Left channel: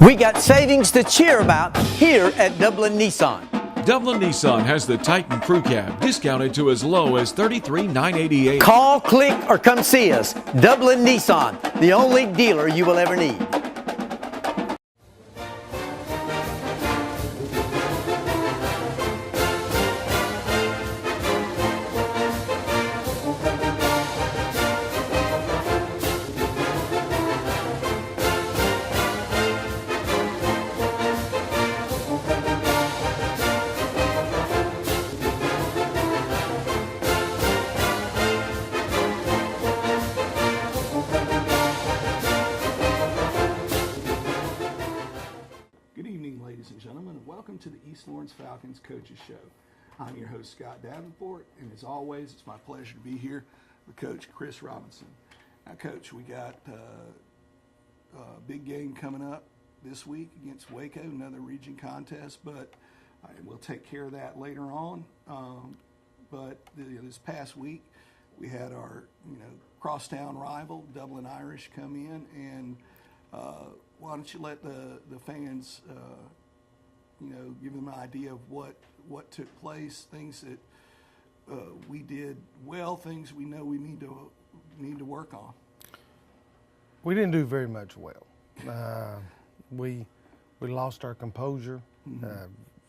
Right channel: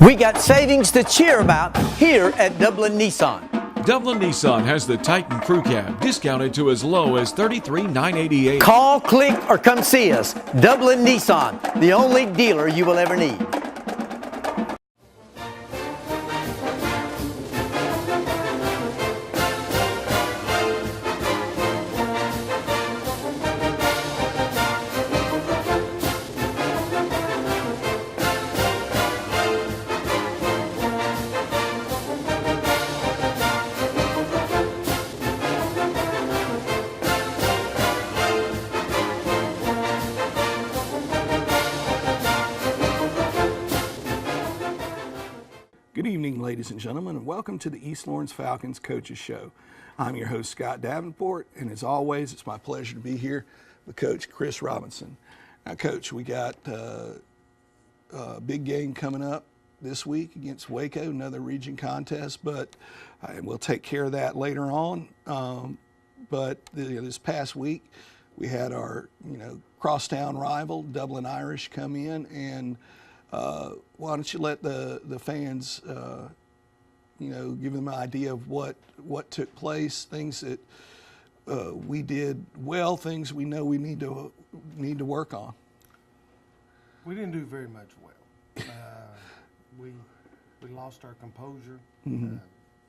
We got savings to cheer about here at Dublin Nissan. Dublin Nissan has the Titan Crew Cab discounted to as low as $33,988. Call, click, or come see us. Dublin Nissan, the only dealer you will ever need. Good evening, ladies and gentlemen, and welcome to the East Lawrence Falcons Coaches Show. I'm your host, Scott Davenport, and as always, it's my pleasure to be here with Coach Chris Robinson. Now, Coach, we got a big game coming up this week against Waco, another region contest, but we'll take care of that later on. But this past week, we had our crosstown rival, Dublin Irish, come in, and why don't you let the fans, give them an idea of what took place, things that we did well, things we know we need to work on. We didn't do very much well. We lost our composure,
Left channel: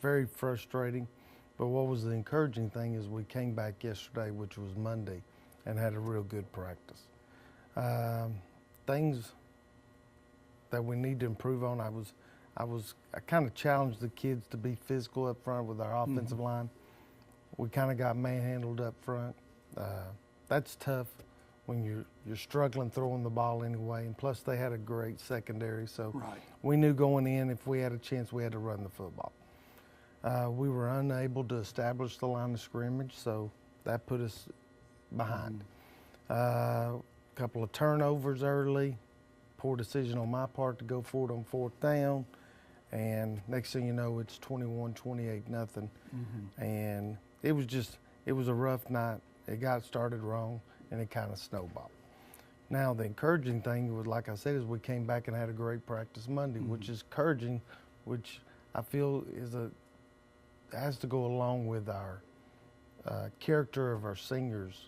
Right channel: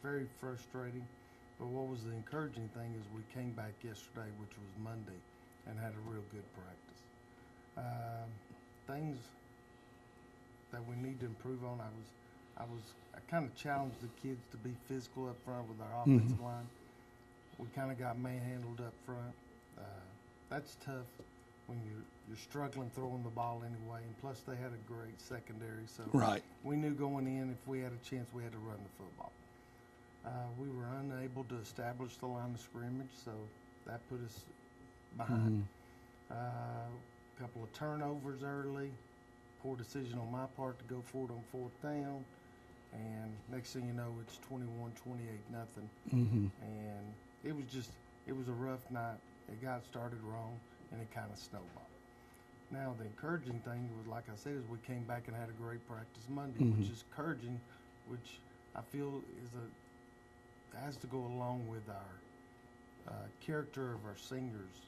very frustrating. But what was the encouraging thing is we came back yesterday, which was Monday, and had a real good practice. Things that we need to improve on. I kind of challenged the kids to be physical up front with our offensive line. We kind of got manhandled up front. That's tough when you're struggling throwing the ball anyway. And plus, they had a great secondary, so we knew going in if we had a chance, we had to run the football. We were unable to establish the line of scrimmage, so that put us behind. A couple of turnovers early. Poor decision on my part to go for it on fourth down, and next thing you know, it's 21-28 nothing. And it was a rough night. It got started wrong, and it kind of snowballed. Now the encouraging thing was, like I said, is we came back and had a great practice Monday, which is encouraging, which I feel has to go along with our character of our seniors.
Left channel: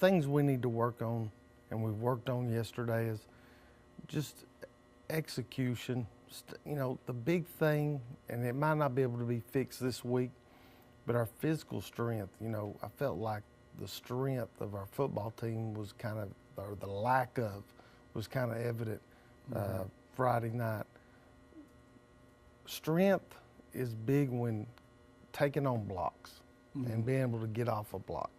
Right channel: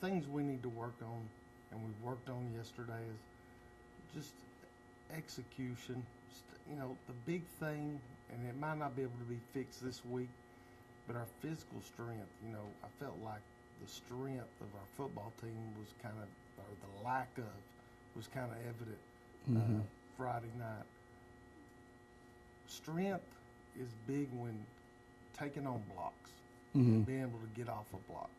Things we need to work on. And we worked on yesterday is just execution. The big thing, and it might not be able to be fixed this week, but our physical strength. I felt like the strength of our football team was or the lack of, was kind of evident Friday night. Strength is big when taking on blocks and being able to get off a block.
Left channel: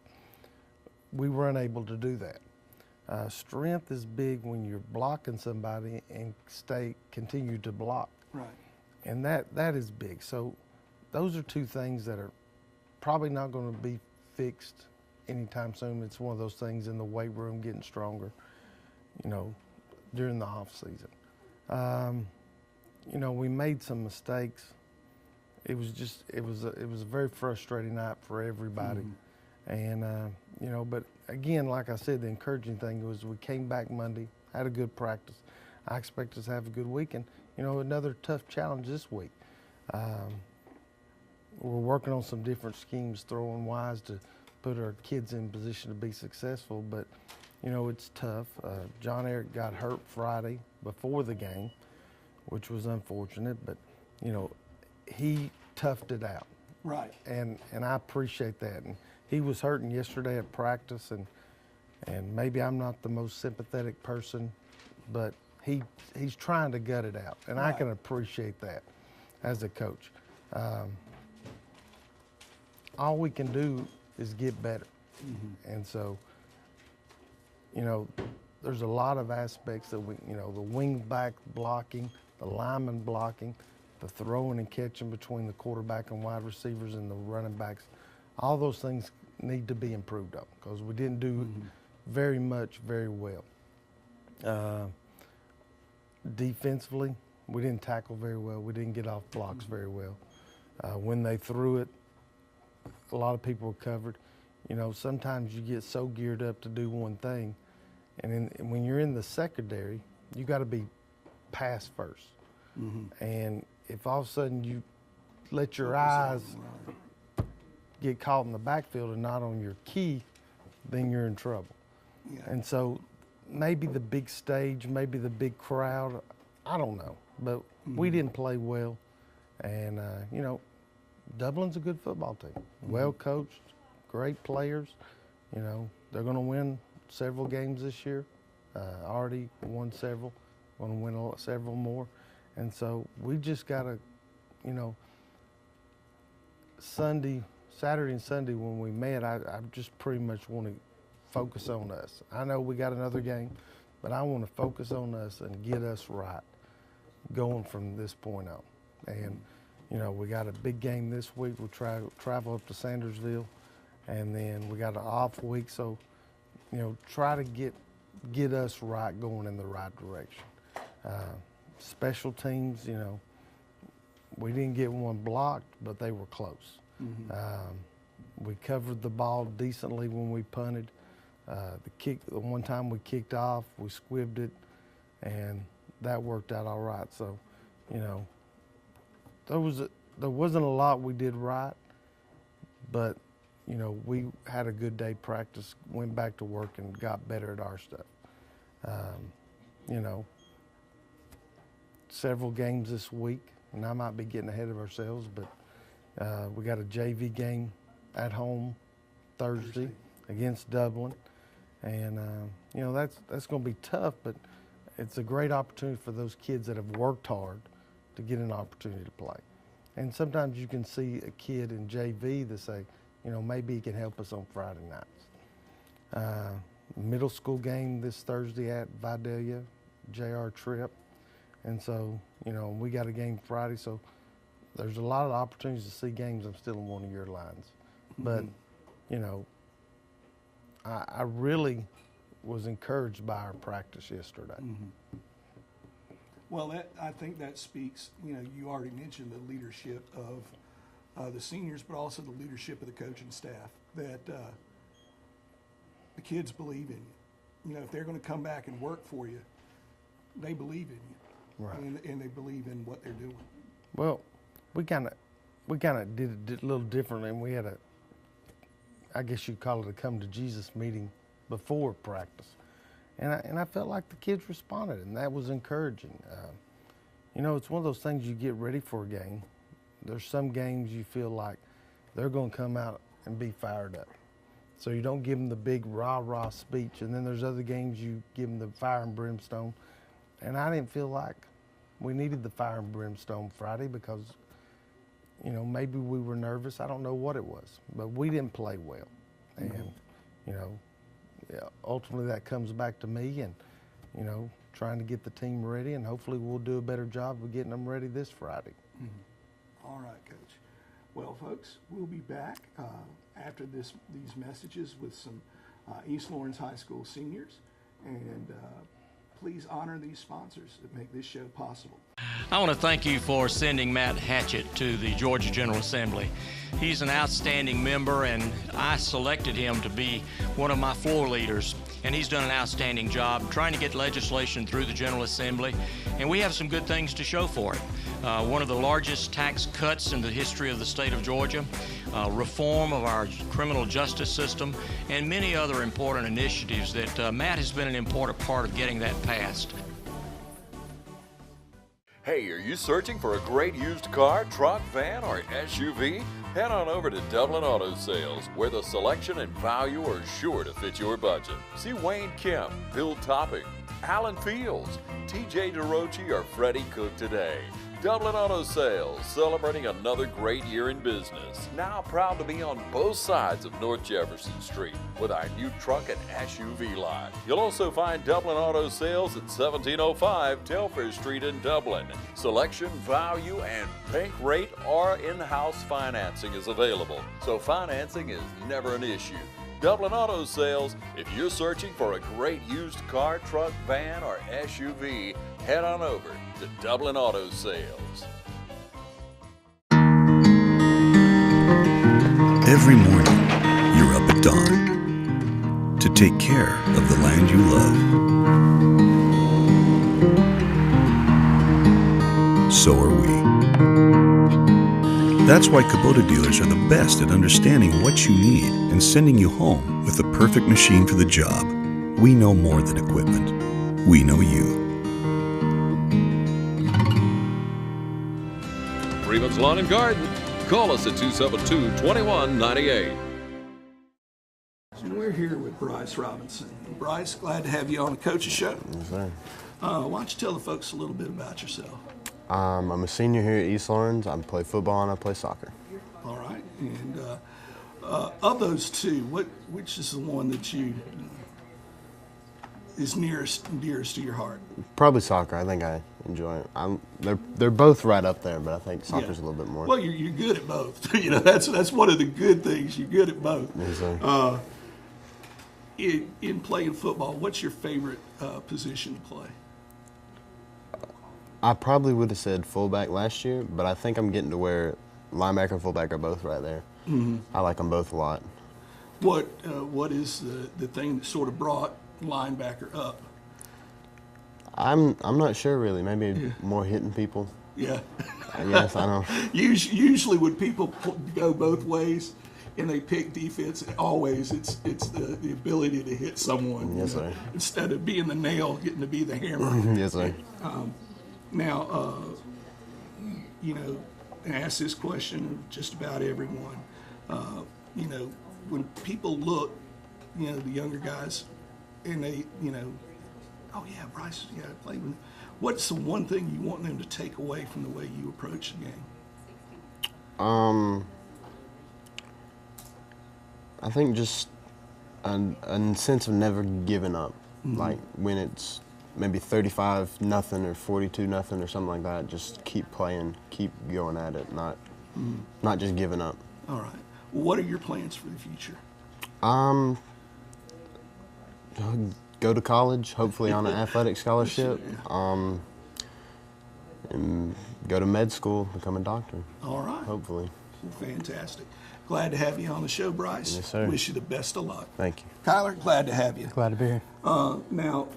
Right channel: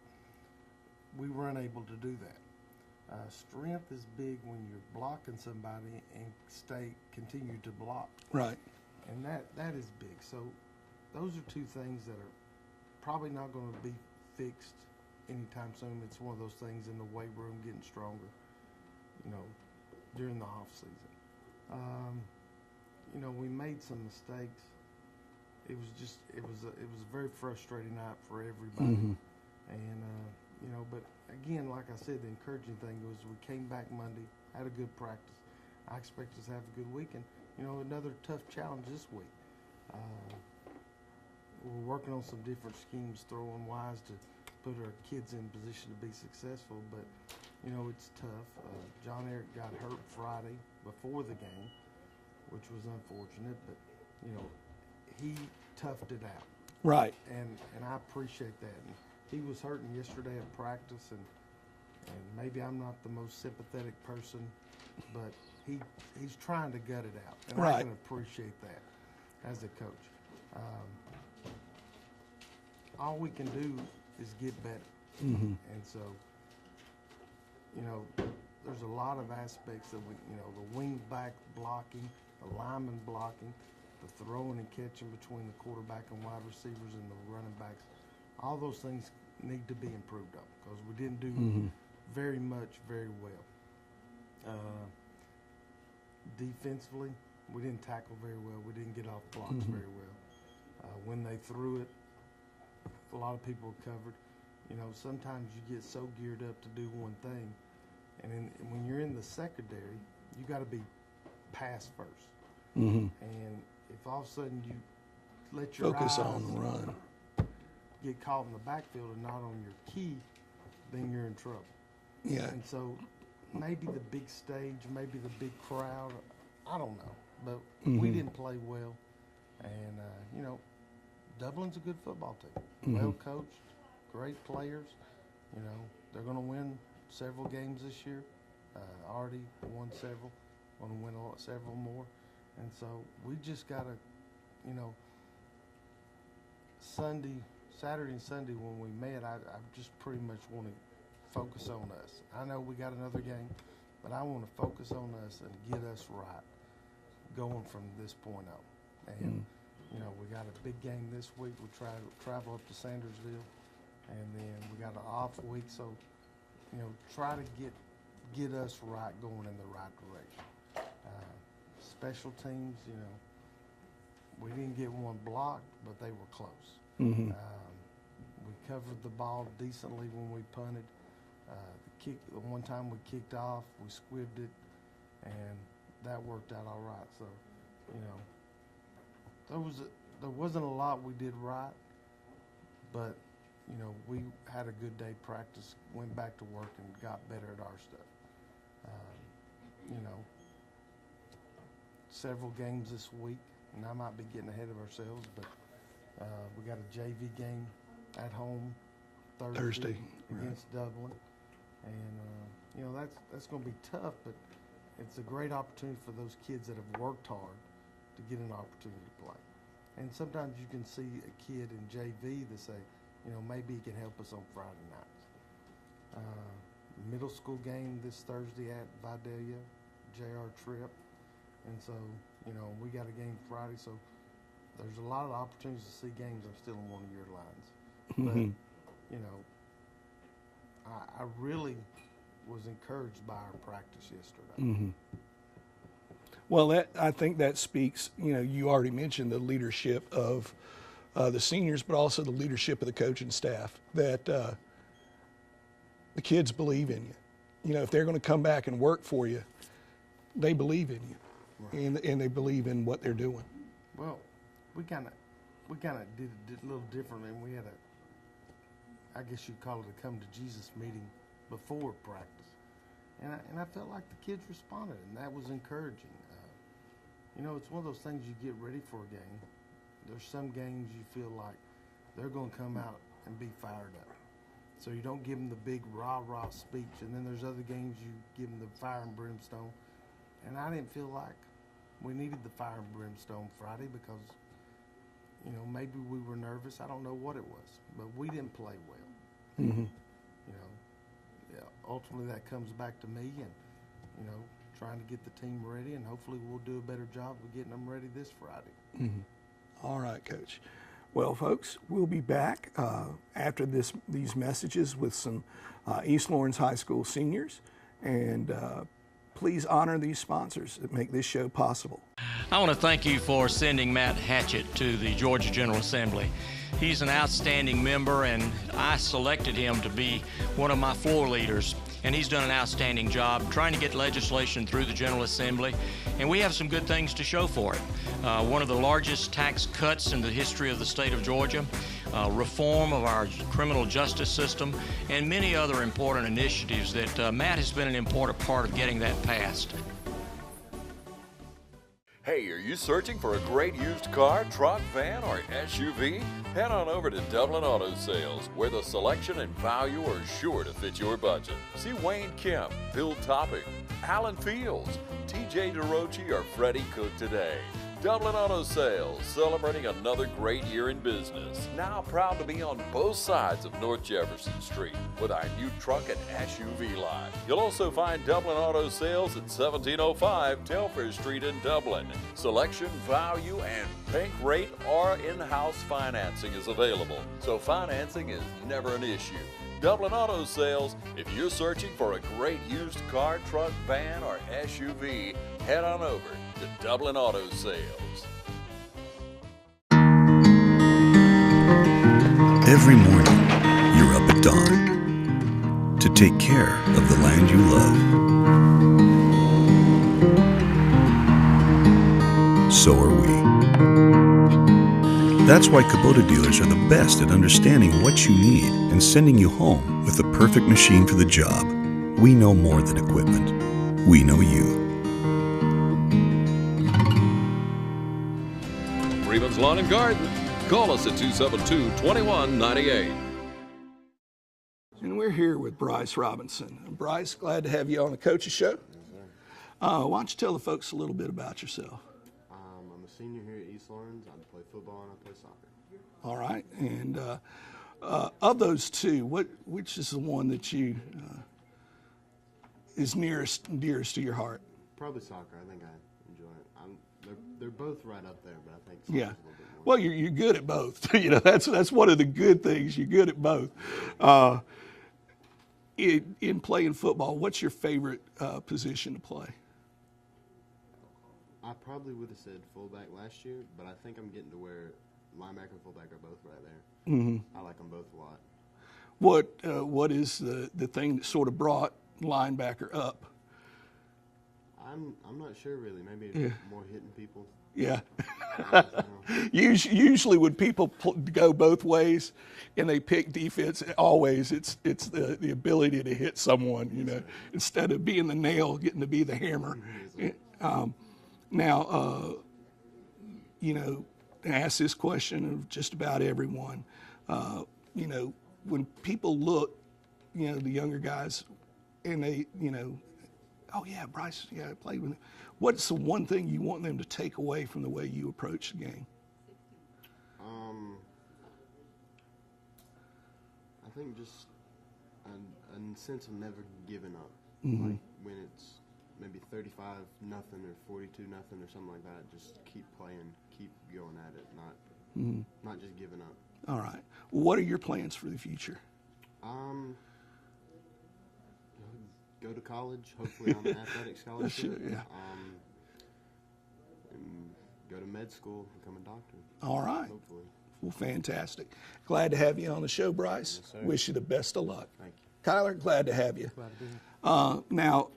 We were unable to do that. Strength is big when you're blocking somebody and continue to block. Right. And that is big. So those are two things that are probably not going to be fixed anytime soon. It's one of those things in the weight room, getting stronger, during the off season. We made some mistakes. It was a very frustrating night for everybody. And, but again, like I said, the encouraging thing was we came back Monday, had a good practice. I expect us to have a good week, and, another tough challenge this week. We're working on some different schemes, throwing wise to put our kids in position to be successful, but, it's tough. John Eric got hurt Friday before the game, which was unfortunate, but, he toughed it out. Right. And I appreciate that. And he was hurting yesterday at practice, and maybe I'm not the most sympathetic person, but he's trying to gut it out, and I can appreciate that as a coach. All we can do is get better. And so, there's a lot of aspects that the wing back blocking, the lineman blocking, the throwing and catching between the quarterback and wide receivers and the running backs. All those things need to be improved on because we didn't do very well. Defensively, we didn't tackle very well. We didn't get off blocks very well. When they threw it, a lot of people were covered. Sometimes you get so geared up to do one thing, and when you're in the secondary, you got to be pass first. And if all of a sudden you let your Focus eyes on the run. get caught in the backfield and not on your key, then you're in trouble. Yeah. And so maybe the big stage, maybe the big crowd, I don't know. But we didn't play well. And, you know, Dublin's a good football team. Well coached, great players. You know, they're going to win several games this year. Already won several, going to win several more. And so we just got to, you know, Saturday and Sunday when we met, I just pretty much want to focus on us. I know we got another game, but I want to focus on us and get us right going from this point on. And, you know, we got a big game this week. We'll travel up to Sandersville, and then we got an off week. So, you know, try to get us right, going in the right direction. Special teams, you know, we didn't get one blocked, but they were close. We covered the ball decently when we punted. The one time we kicked off, we squibbed it, and that worked out all right. So, you know, there wasn't a lot we did right, but, you know, we had a good day practice, went back to work, and got better at our stuff. You know, several games this week, and I might be getting ahead of ourselves, but we got a JV game at home Thursday. Against Dublin, and you know, that's going to be tough, but it's a great opportunity for those kids that have worked hard to get an opportunity to play. And sometimes you can see a kid in JV that say, you know, maybe he can help us on Friday nights. Middle school game this Thursday at Vidalia, JR Tripp. And so, you know, we got a game Friday, so there's a lot of opportunities to see games. I'm still in one of your lines. But, you know, I really was encouraged by our practice yesterday. Well, I think that speaks, you know, you already mentioned the leadership of the seniors, but also the leadership of the coaching staff, that the kids believe in you. You know, if they're going to come back and work for you, they believe in you, right. and they believe in what they're doing. Well, we kind of did it a little differently, and we had I guess you'd call it a come to Jesus meeting before practice. And I felt like the kids responded, and that was encouraging. You know, it's one of those things you get ready for a game. There's some games you feel like they're going to come out and be fired up. So you don't give them the big rah-rah speech, and then there's other games you give them the fire and brimstone. And I didn't feel like we needed the fire and brimstone Friday because, you know, maybe we were nervous. I don't know what it was, but we didn't play well. And, you know, ultimately that comes back to me and, you know, trying to get the team ready, and hopefully we'll do a better job of getting them ready this Friday. All right, Coach. Well, folks, we'll be back after these messages with some East Lawrence High School seniors, and please honor these sponsors that make this show possible. I want to thank you for sending Matt Hatchett to the Georgia General Assembly. He's an outstanding member, and I selected him to be one of my floor leaders. And he's done an outstanding job trying to get legislation through the General Assembly, and we have some good things to show for it. One of the largest tax cuts in the history of the state of Georgia, reform of our criminal justice system, and many other important initiatives that Matt has been an important part of getting that passed. Hey, are you searching for a great used car, truck, van, or SUV? Head on over to Dublin Auto Sales, where the selection and value are sure to fit your budget. See Wayne Kemp, Bill Topping, Alan Fields, TJ DeRochi, or Freddie Cook today. Dublin Auto Sales, celebrating another great year in business. Now proud to be on both sides of North Jefferson Street with our new truck and SUV lot. You'll also find Dublin Auto Sales at 1705 Telfair Street in Dublin. Selection, value, and pink rate or in-house financing is available, so financing is never an issue. Dublin Auto Sales, if you're searching for a great used car, truck, van, or SUV, head on over to Dublin Auto Sales. Every morning, you're up at dawn to take care of the land you love. so are we. That's why Kubota dealers are the best at understanding what you need and sending you home with the perfect machine for the job. We know more than equipment. We know you. Freeman's Lawn and Garden. Call us at 272-2198. And we're here with Bryce Robinson. Bryce, glad to have you on the Coaches Show. Yes, sir. Why don't you tell the folks a little bit about yourself? I'm a senior here at East Lawrence. I play football and I play soccer. All right. And of those two, which is the one that you is nearest and dearest to your heart? Probably soccer. I think I enjoy it. They're both right up there, but I think soccer's a little bit more. Well, you're good at both. That's one of the good things. You're good at both. Yes, sir. In playing football, what's your favorite position to play? I probably would have said fullback last year, but I think I'm getting to where linebacker and fullback are both right there. Mm-hmm. I like them both a lot. What is the thing that sort of brought linebacker up? I'm not sure really. Maybe more hitting people. Yeah. Yes, I know. Usually when people go both ways and they pick defense, always it's the ability to hit someone. Yes, sir. Instead of being the nail, getting to be the hammer. Yes, sir. Now, I ask this question of just about everyone. When people look, the younger guys, and they, oh yeah, Bryce, I played with him. What's the one thing you want them to take away from the way you approach the game? I think just a sense of never giving up. Mm-hmm. Like when it's maybe 35-0 or 42-0 or something like that, just keep playing, keep going at it, not just giving up. All right. Well, what are your plans for the future? Go to college, hopefully on an athletic scholarship, and go to med school, become a doctor. All right. Hopefully. Well, fantastic. Glad to have you on the show, Bryce. Yes, sir. Wish you the best of luck. Thank you. Kyler, glad to have you. Glad to be here. Now,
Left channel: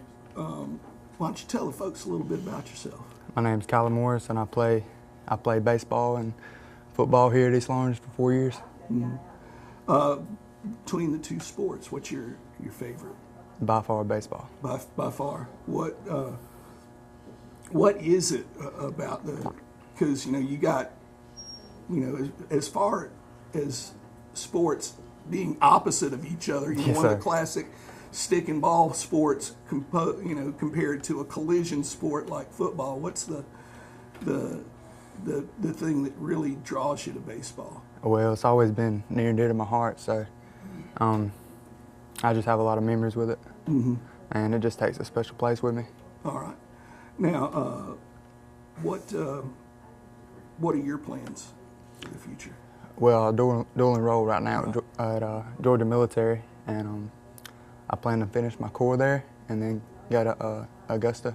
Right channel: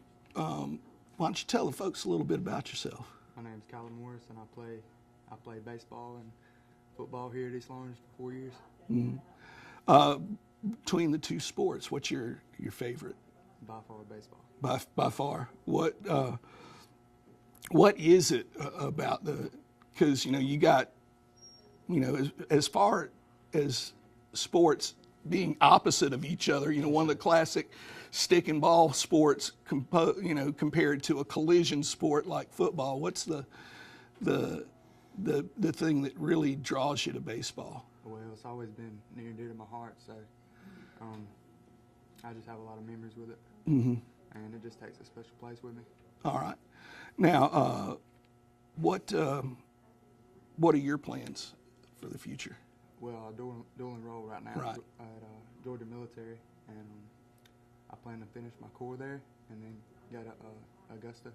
why don't you tell the folks a little bit about yourself? My name's Kyler Morris, and I play baseball and football here at East Lawrence for 4 years. Mm-hmm. Between the two sports, what's your favorite? By far, baseball. By far. What is it about because you got, as far as sports being opposite of each other, Yes, one of sir. the classic stick and ball sports, compared to a collision sport like football. What's the thing that really draws you to baseball? Well, it's always been near and dear to my heart, so I just have a lot of memories with it, and it just takes a special place with me. All right. Now, what are your plans for the future? Well, I dual enroll right now at Georgia Military, and I plan to finish my core there, and then go to Augusta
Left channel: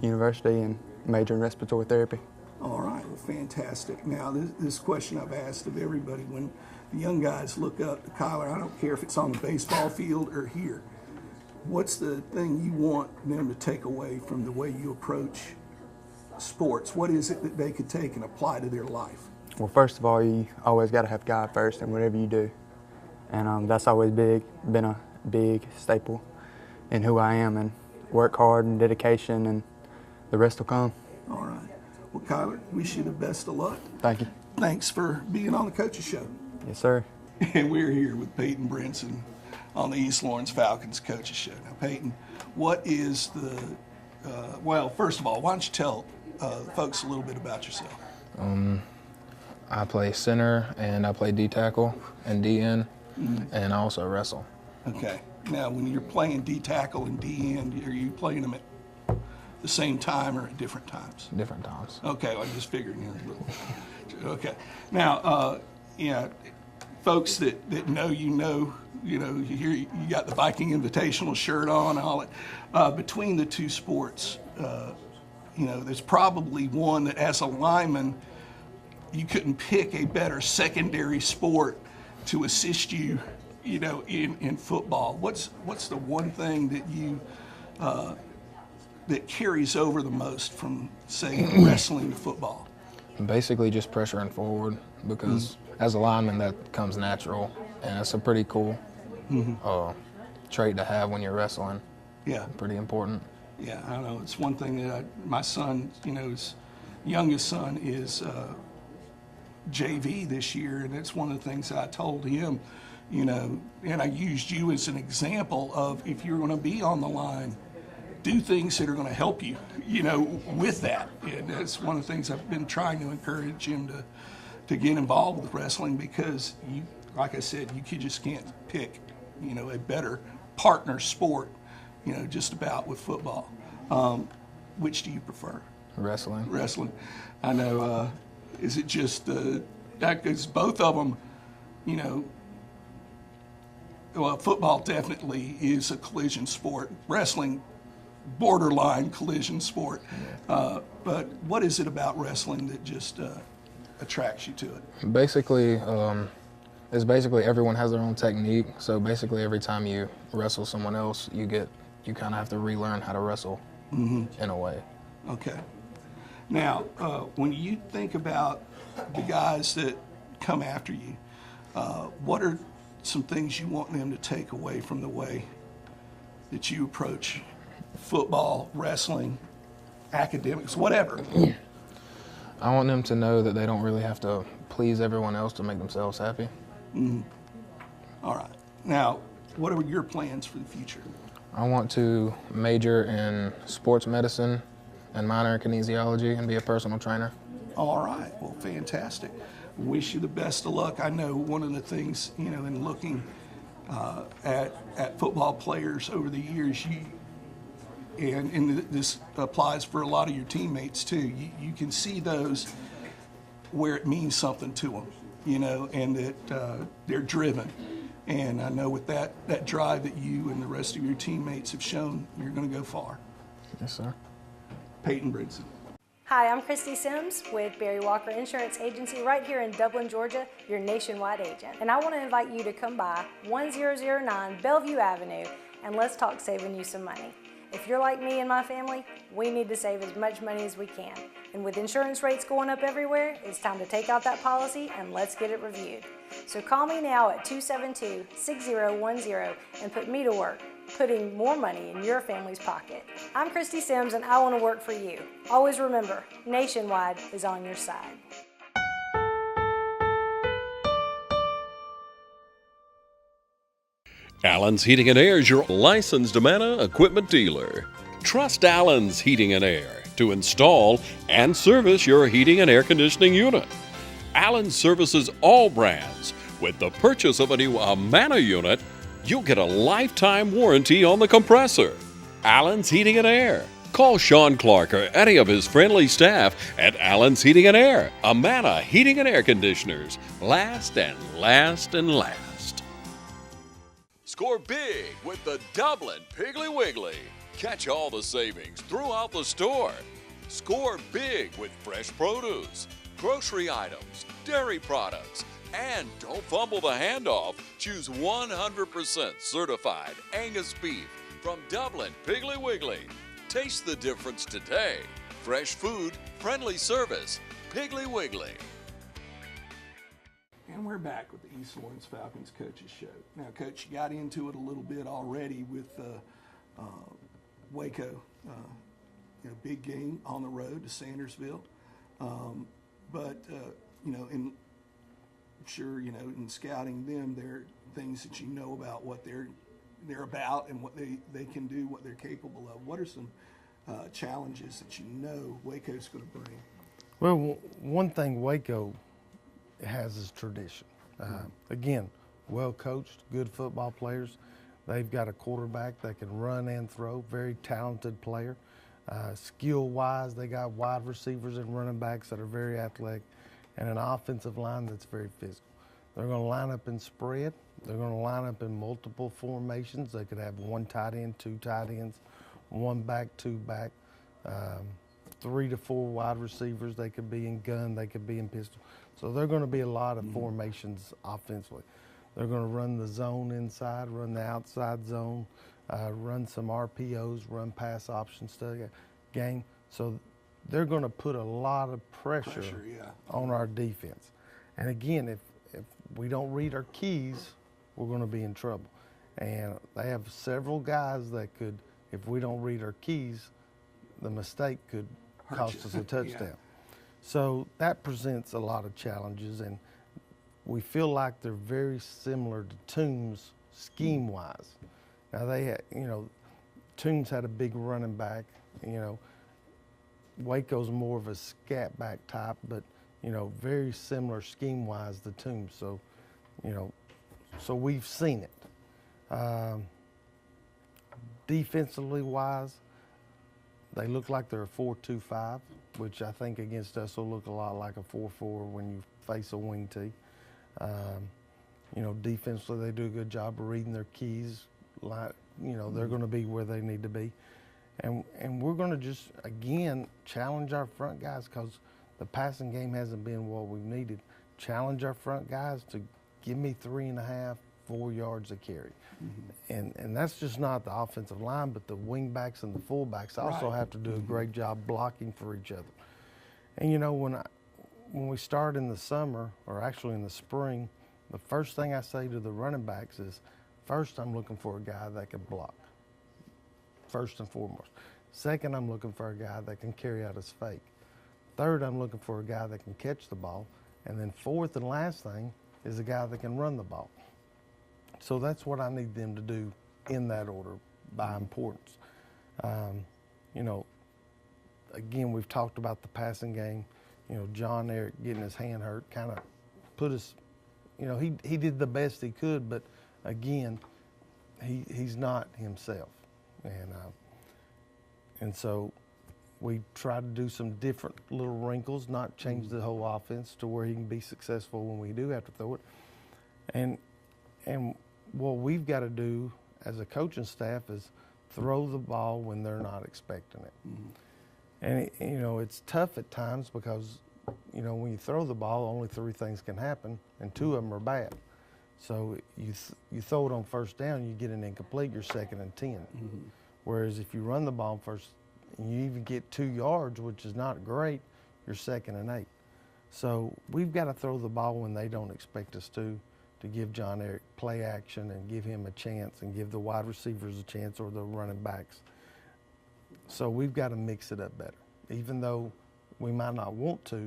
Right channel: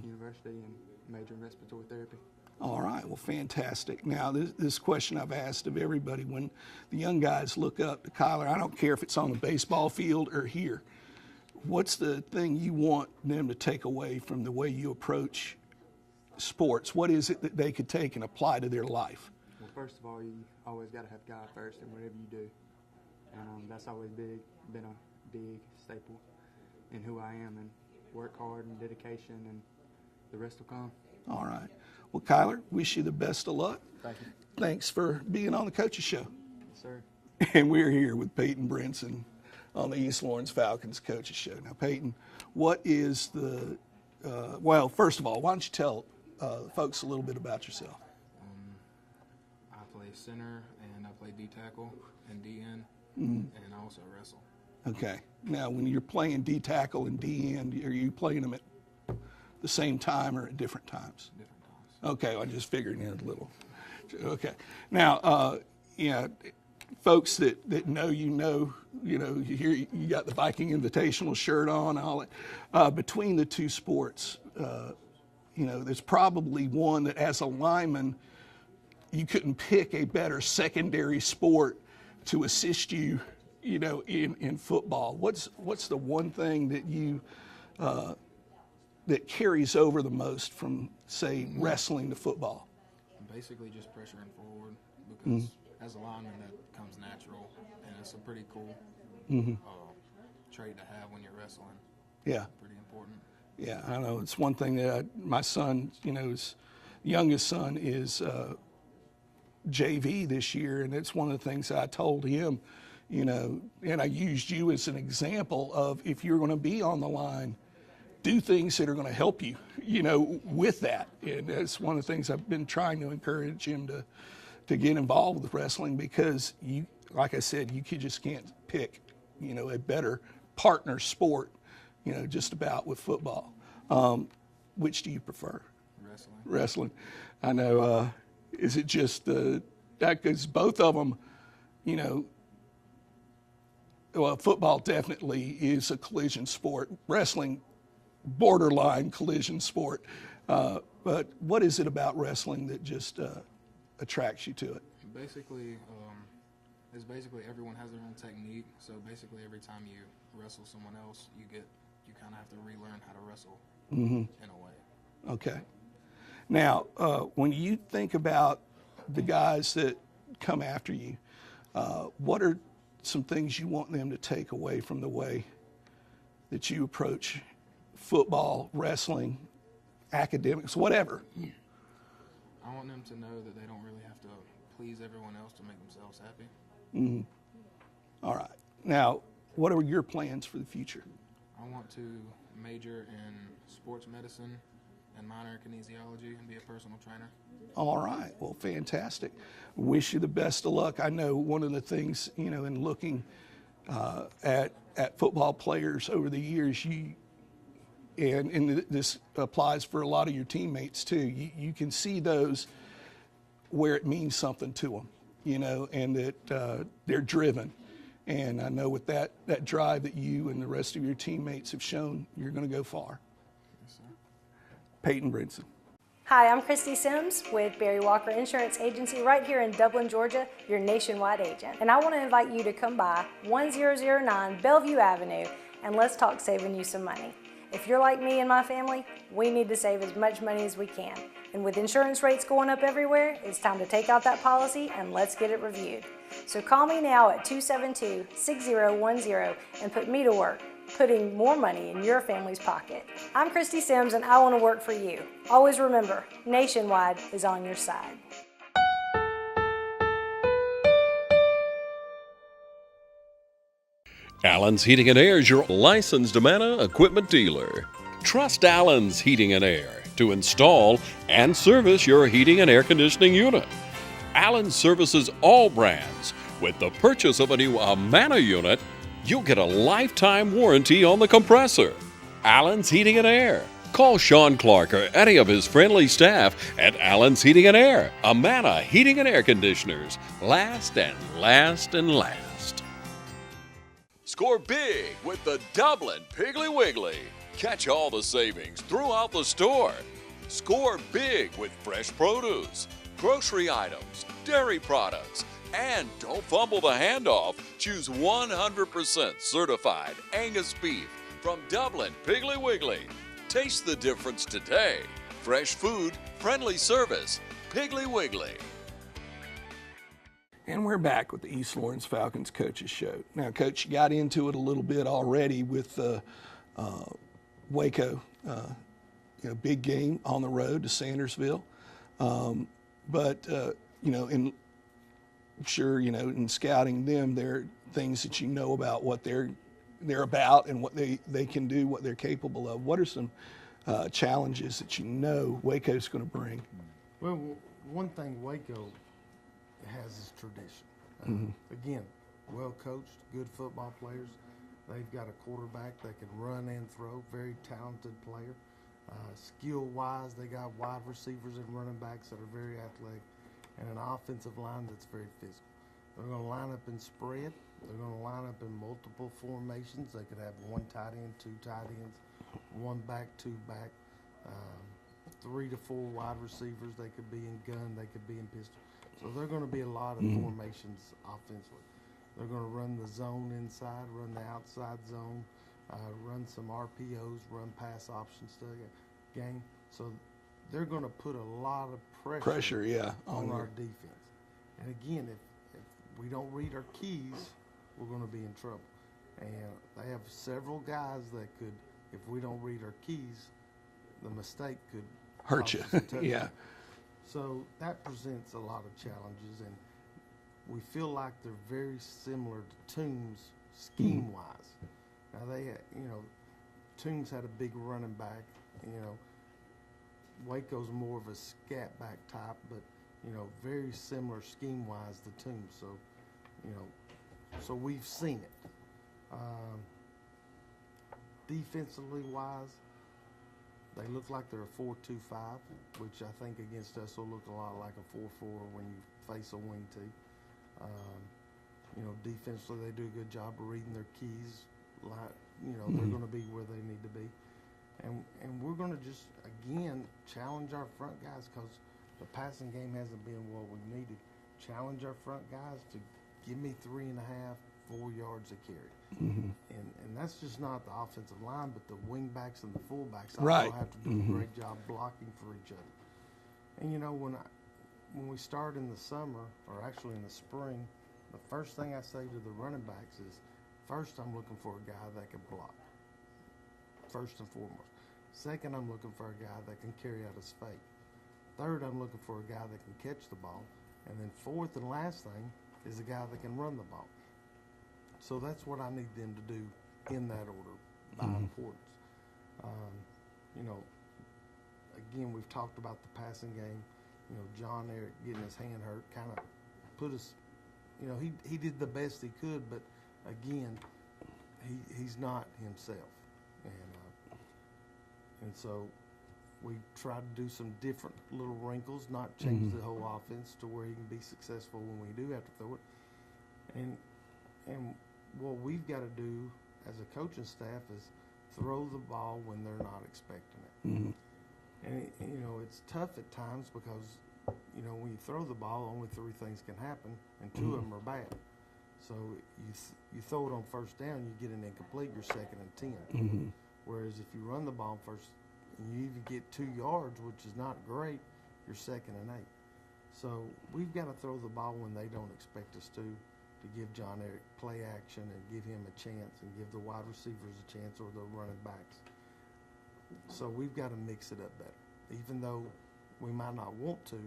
University and major in respiratory therapy. All right, well, fantastic. Now, this question I've asked of everybody, when the young guys look up to Kyler, I don't care if it's on the baseball field or here, what's the thing you want them to take away from the way you approach sports? What is it that they could take and apply to their life? Well, first of all, you always got to have God first in whatever you do, and that's always been a big staple in who I am, and work hard and dedication, and the rest will come. All right. Well, Kyler, wish you the best of luck. Thank you. Thanks for being on the Coaches Show. Yes, sir. And we're here with Peyton Brinson on the East Lawrence Falcons Coaches Show. Now, Peyton, what is well, first of all, why don't you tell folks a little bit about yourself? I play center, and I play D-tackle and D-end, and I also wrestle. Okay. Now, when you're playing D-tackle and D-end, are you playing them at the same time or at different times? Different times. Okay, I just figured a little. Okay. Now, folks that know you got the Viking Invitational shirt on, all it. Between the two sports, there's probably one that as a lineman, you couldn't pick a better secondary sport to assist you, in football. What's the one thing that you that carries over the most from, say, wrestling to football? Basically just pressuring forward, because as a lineman that comes natural, and it's a pretty cool trait to have when you're wrestling. Yeah. Pretty important. Yeah, I know. It's one thing that my son, his youngest son is JV this year, and it's one of the things that I told him, and I used you as an example of, if you're going to be on the line, do things that are going to help you, with that. And that's one of the things I've been trying to encourage him to get involved with wrestling, because like I said, you just can't pick, a better partner sport, just about with football. Which do you prefer? Wrestling. Wrestling. I know. Is it just that, because both of them, well, football definitely is a collision sport. Wrestling, borderline collision sport. But what is it about wrestling that just attracts you to it? Basically, it's basically everyone has their own technique. So basically, every time you wrestle someone else, you kind of have to relearn how to wrestle in a way. Okay. Now, when you think about the guys that come after you, what are some things you want them to take away from the way that you approach football, wrestling, academics, whatever? I want them to know that they don't really have to please everyone else to make themselves happy. All right. Now, what are your plans for the future? I want to major in sports medicine and minor in kinesiology and be a personal trainer. All right. Well, fantastic. Wish you the best of luck. I know one of the things, in looking at football players over the years, and this applies for a lot of your teammates too, you can see those where it means something to them, and that they're driven. And I know with that drive that you and the rest of your teammates have shown, you're going to go far. Yes, sir. Peyton Bridson. Hi, I'm Christy Sims with Barry Walker Insurance Agency right here in Dublin, Georgia, your nationwide agent. And I want to invite you to come by 1009 Bellevue Avenue, and let's talk saving you some money. If you're like me and my family, we need to save as much money as we can. And with insurance rates going up everywhere, it's time to take out that policy and let's get it reviewed. So call me now at 272-6010 and put me to work, putting more money in your family's pocket. I'm Christy Sims and I want to work for you. Always remember, Nationwide is on your side. Allen's Heating and Air is your licensed Amana equipment dealer. Trust Allen's Heating and Air to install and service your heating and air conditioning unit. Allen services all brands. With the purchase of a new Amana unit, you'll get a lifetime warranty on the compressor. Allen's Heating and Air. Call Sean Clark or any of his friendly staff at Allen's Heating and Air. Amana Heating and Air Conditioners. Last and last and last. Score big with the Dublin Piggly Wiggly. Catch all the savings throughout the store. Score big with fresh produce, grocery items, dairy products, and don't fumble the handoff. Choose 100% certified Angus beef from Dublin Piggly Wiggly. Taste the difference today. Fresh food, friendly service, Piggly Wiggly. And we're back with the East Lawrence Falcons Coaches Show. Now, Coach, you got into it a little bit already with Waco, big game on the road to Sandersville. In scouting them, there are things that you know about what they're about and what they can do, what they're capable of. What are some challenges that you know Waco's going to bring? Well, one thing Waco has is tradition. Again, well coached, good football players. They've got a quarterback that can run and throw, very talented player. Skill-wise, they got wide receivers and running backs that are very athletic, and an offensive line that's very physical. They're going to line up in spread. They're going to line up in multiple formations. They could have one tight end, two tight ends, one back, two back, 3 to 4 wide receivers. They could be in gun. They could be in pistol. So they're going to be a lot of formations offensively. They're going to run the zone inside, run the outside zone. run some RPOs, run pass option stuff, game. So they're going to put a lot of pressure on our defense. And again, if we don't read our keys, we're going to be in trouble. And they have several guys that could, if we don't read our keys, the mistake could hurt you. Cost us a touchdown. So that presents a lot of challenges, and we feel like they're very similar to Toombs scheme-wise. Now they had, Toombs had a big running back. Waco's more of a scat back type, but very similar scheme-wise to Toombs. So, so we've seen it. Defensively wise, they look like they're a 4-2-5, which I think against us will look a lot like a 4-4 when you face a wing tee. Defensively they do a good job of reading their keys. They're going to be where they need to be. And we're going to just, again, challenge our front guys because the passing game hasn't been what we've needed. Challenge our front guys to give me 3.5, 4 yards a carry. And that's just not the offensive line, but the wing backs and the fullbacks also have to do a great job blocking for each other. And when we start in the summer, or actually in the spring, the first thing I say to the running backs is, first I'm looking for a guy that can block, first and foremost. Second, I'm looking for a guy that can carry out his fake. Third, I'm looking for a guy that can catch the ball. And then fourth and last thing is a guy that can run the ball. So that's what I need them to do in that order by importance. Again, we've talked about the passing game. John Eric getting his hand hurt kind of put us, he did the best he could, but again, he's not himself. And so we try to do some different little wrinkles, not change the whole offense to where he can be successful when we do have to throw it. And what we've got to do as a coaching staff is throw the ball when they're not expecting it. And it's tough at times because when you throw the ball, only 3 things can happen, and 2 of them are bad. So you throw it on first down, you get an incomplete, you're 2nd and 10. Whereas if you run the ball first, and you even get 2 yards, which is not great, you're 2nd and 8. So we've got to throw the ball when they don't expect us to give John Eric play action and give him a chance and give the wide receivers a chance or the running backs. So we've got to mix it up better. Even though we might not want to,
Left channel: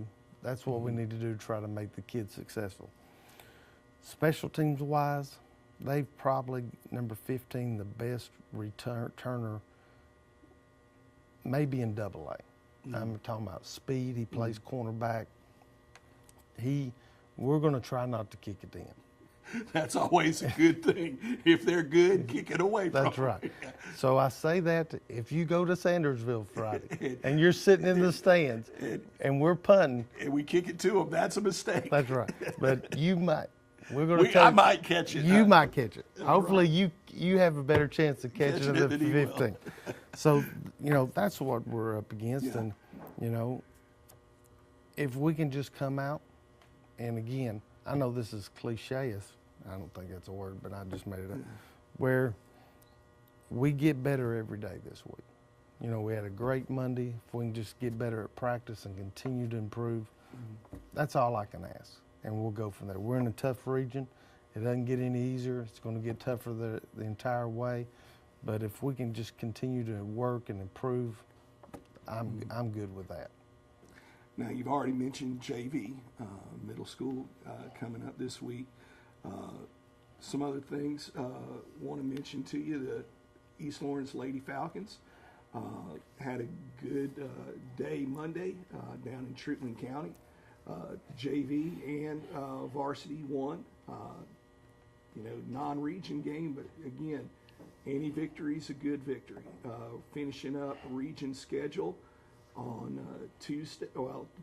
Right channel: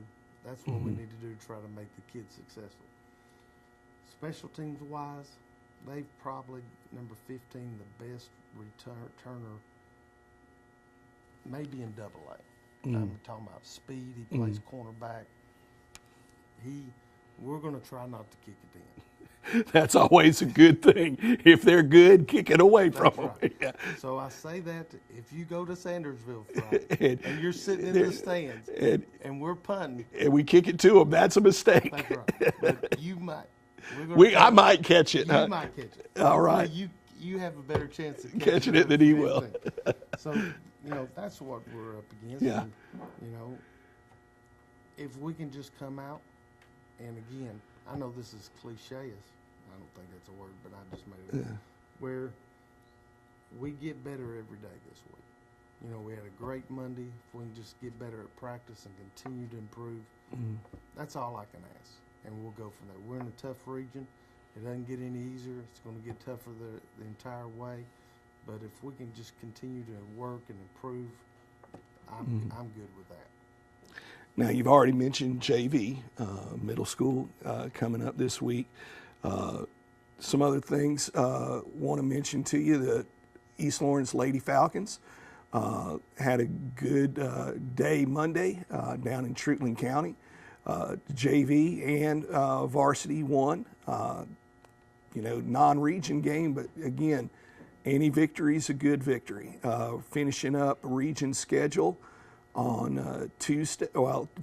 that's what we need to do to try to make the kids successful. Special teams wise, they've probably, number 15, the best returner maybe in AA. I'm talking about speed. He plays cornerback. We're going to try not to kick it in. That's always a good thing. If they're good, kick it away from them. That's right. Yeah. So I say that if you go to Sandersville Friday and you're sitting in the stands and we're punting. And we kick it to them, that's a mistake. That's right. But you might. I might catch it. You might catch it. All right. Hopefully you have a better chance of catching it than he will. So, that's what we're up against. Yeah. And, if we can just come out, and again, I know this is cliche, I don't think that's a word, but I just made it up, where we get better every day this week. We had a great Monday. If we can just get better at practice and continue to improve, that's all I can ask. And we'll go from there. We're in a tough region. It doesn't get any easier. It's going to get tougher the entire way. But if we can just continue to work and improve, I'm good with that. Now, you've already mentioned JV, middle school, coming up this week. Some other things want to mention to you. The East Lawrence Lady Falcons had a good day Monday down in Treatland County. JV and varsity won. Non-region game, but again, any victory is a good victory. Finishing up region schedule on Tuesday,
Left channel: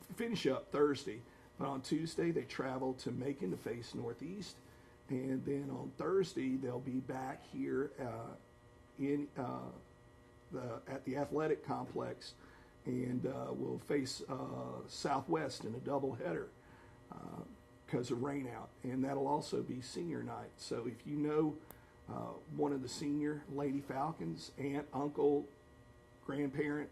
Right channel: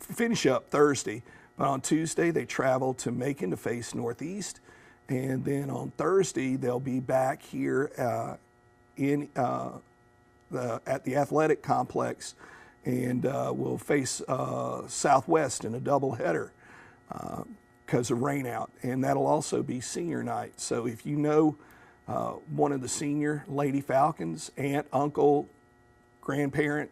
finish up Thursday, but on Tuesday they travel to Macon to face Northeast, and then on Thursday they'll be back here at the athletic complex, and we'll face Southwest in a doubleheader because of rain out, and that'll also be senior night. So if you know one of the senior Lady Falcons, aunt, uncle, grandparent,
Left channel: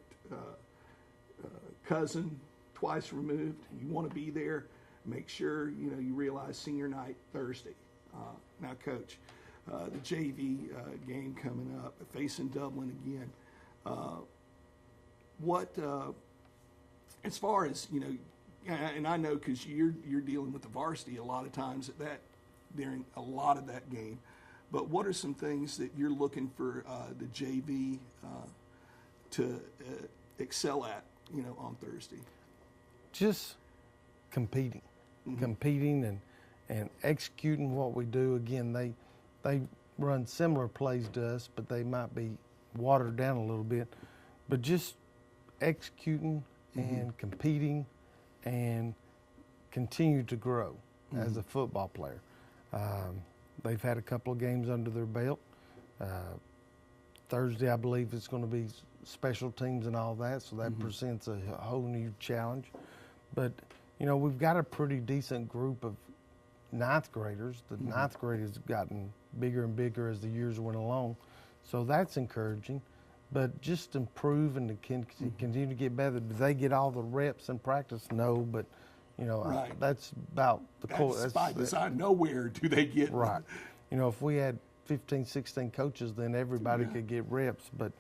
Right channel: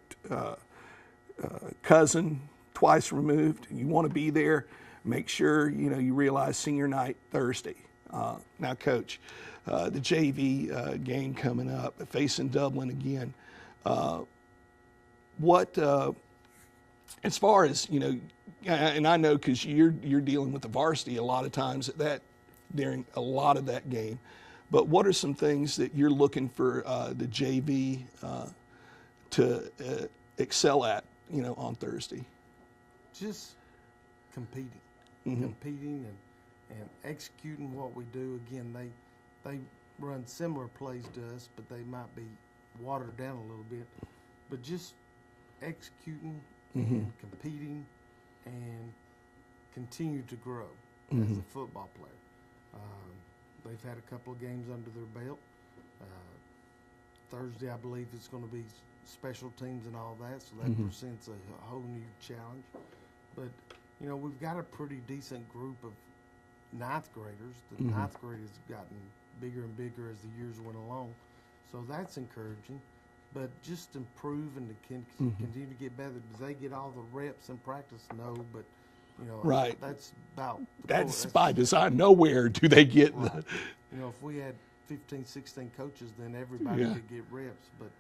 cousin, twice removed. You want to be there. Make sure you realize senior night Thursday. Now, Coach, the JV game coming up, facing Dublin again. What, as far as and I know because you're dealing with the varsity a lot of times during a lot of that game. But what are some things that you're looking for the JV to excel at, on Thursday? Just competing, competing and executing what we do. Again, they run similar plays to us, but they might be watered down a little bit. But just executing and competing and continue to grow as a football player. They've had a couple of games under their belt. Thursday, I believe it's going to be special teams and all that, so that presents a whole new challenge. But, we've got a pretty decent group of ninth graders. The ninth grade has gotten bigger and bigger as the years went along, so that's encouraging. But just improve and continue to get better. Do they get all the reps in practice? No, but right. That's about the that's by design. Nowhere do they get right. If we had 15, 16 coaches, then everybody could get reps. But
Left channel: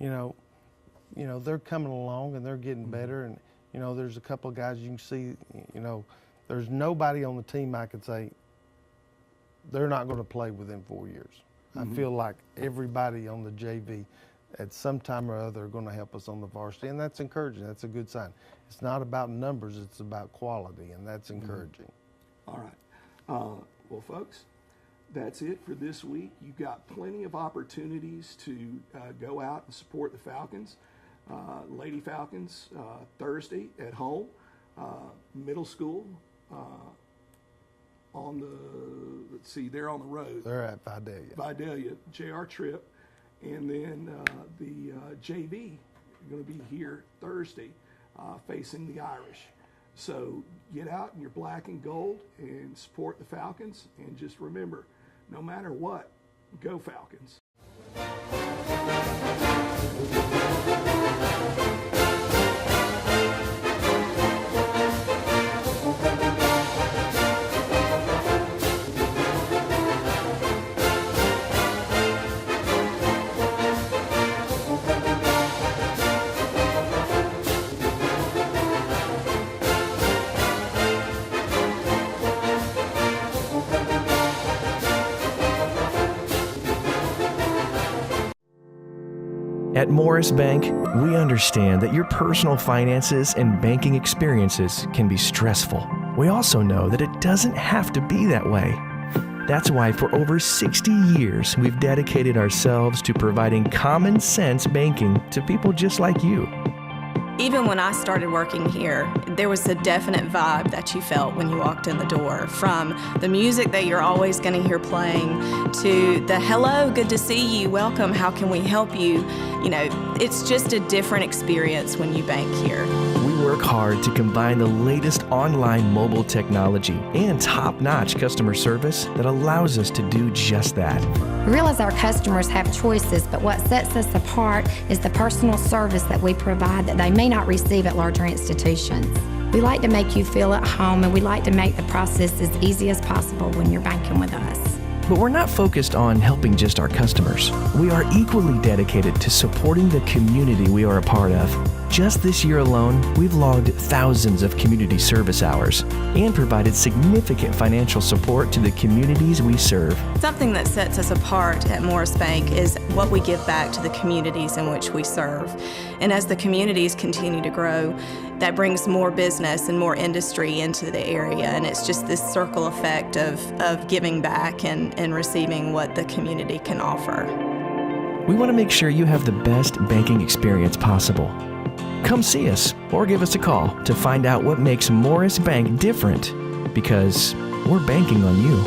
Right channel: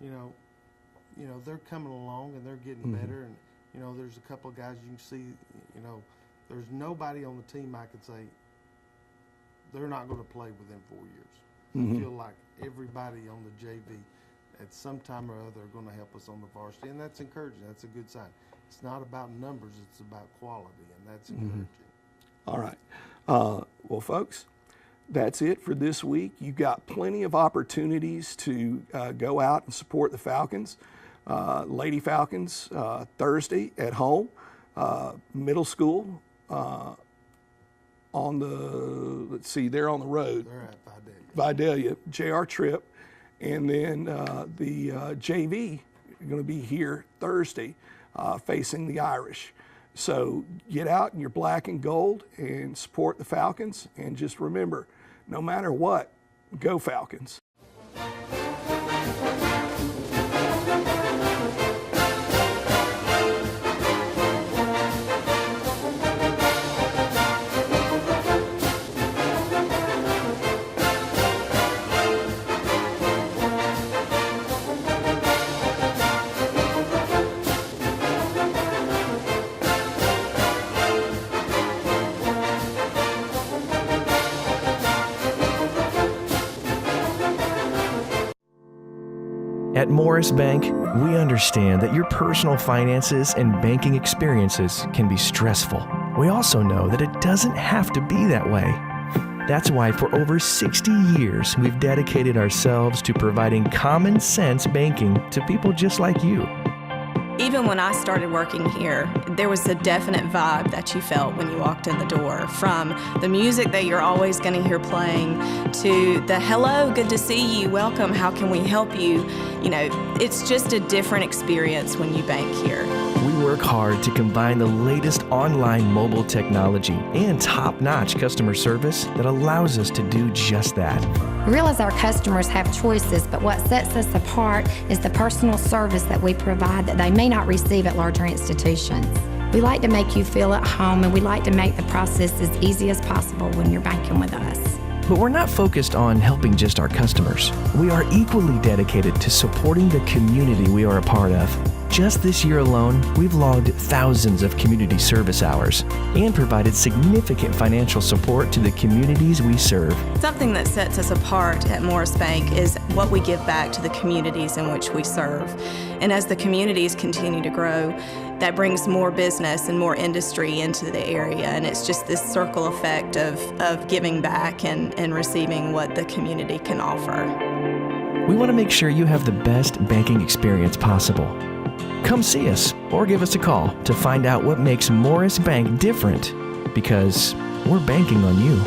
they're coming along and they're getting better. And there's a couple of guys you can see. There's nobody on the team I could say they're not going to play within 4 years. I feel like everybody on the JV at some time or other are going to help us on the varsity, and that's encouraging. That's a good sign. It's not about numbers, it's about quality, and that's encouraging. All right. Well, folks, that's it for this week. You've got plenty of opportunities to go out and support the Falcons. Lady Falcons, Thursday at home. Middle school on the, they're on the road. They're at Vidalia. Vidalia, JR Trip. And then the JV are going to be here Thursday facing the Irish. So get out in your black and gold and support the Falcons. And just remember, no matter what, go Falcons. At Morris Bank, we understand that your personal finances and banking experiences can be stressful. We also know that it doesn't have to be that way. That's why for over 60 years, we've dedicated ourselves to providing common sense banking to people just like you. Even when I started working here, there was a definite vibe that you felt when you walked in the door, from the music that you're always going to hear playing to the hello, good to see you, welcome, how can we help you? It's just a different experience when you bank here. We work hard to combine the latest online mobile technology and top-notch customer service that allows us to do just that. We realize our customers have choices, but what sets us apart is the personal service that we provide that they may not receive at larger institutions. We like to make you feel at home, and we like to make the process as easy as possible when you're banking with us. But we're not focused on helping just our customers. We are equally dedicated to supporting the community we are a part of. Just this year alone, we've logged thousands of community service hours and provided significant financial support to the communities we serve. Something that sets us apart at Morris Bank is what we give back to the communities in which we serve. And as the communities continue to grow, that brings more business and more industry into the area, and it's just this circle effect of giving back and receiving what the community can offer. We want to make sure you have the best banking experience possible. Come see us or give us a call to find out what makes Morris Bank different, because we're banking on you.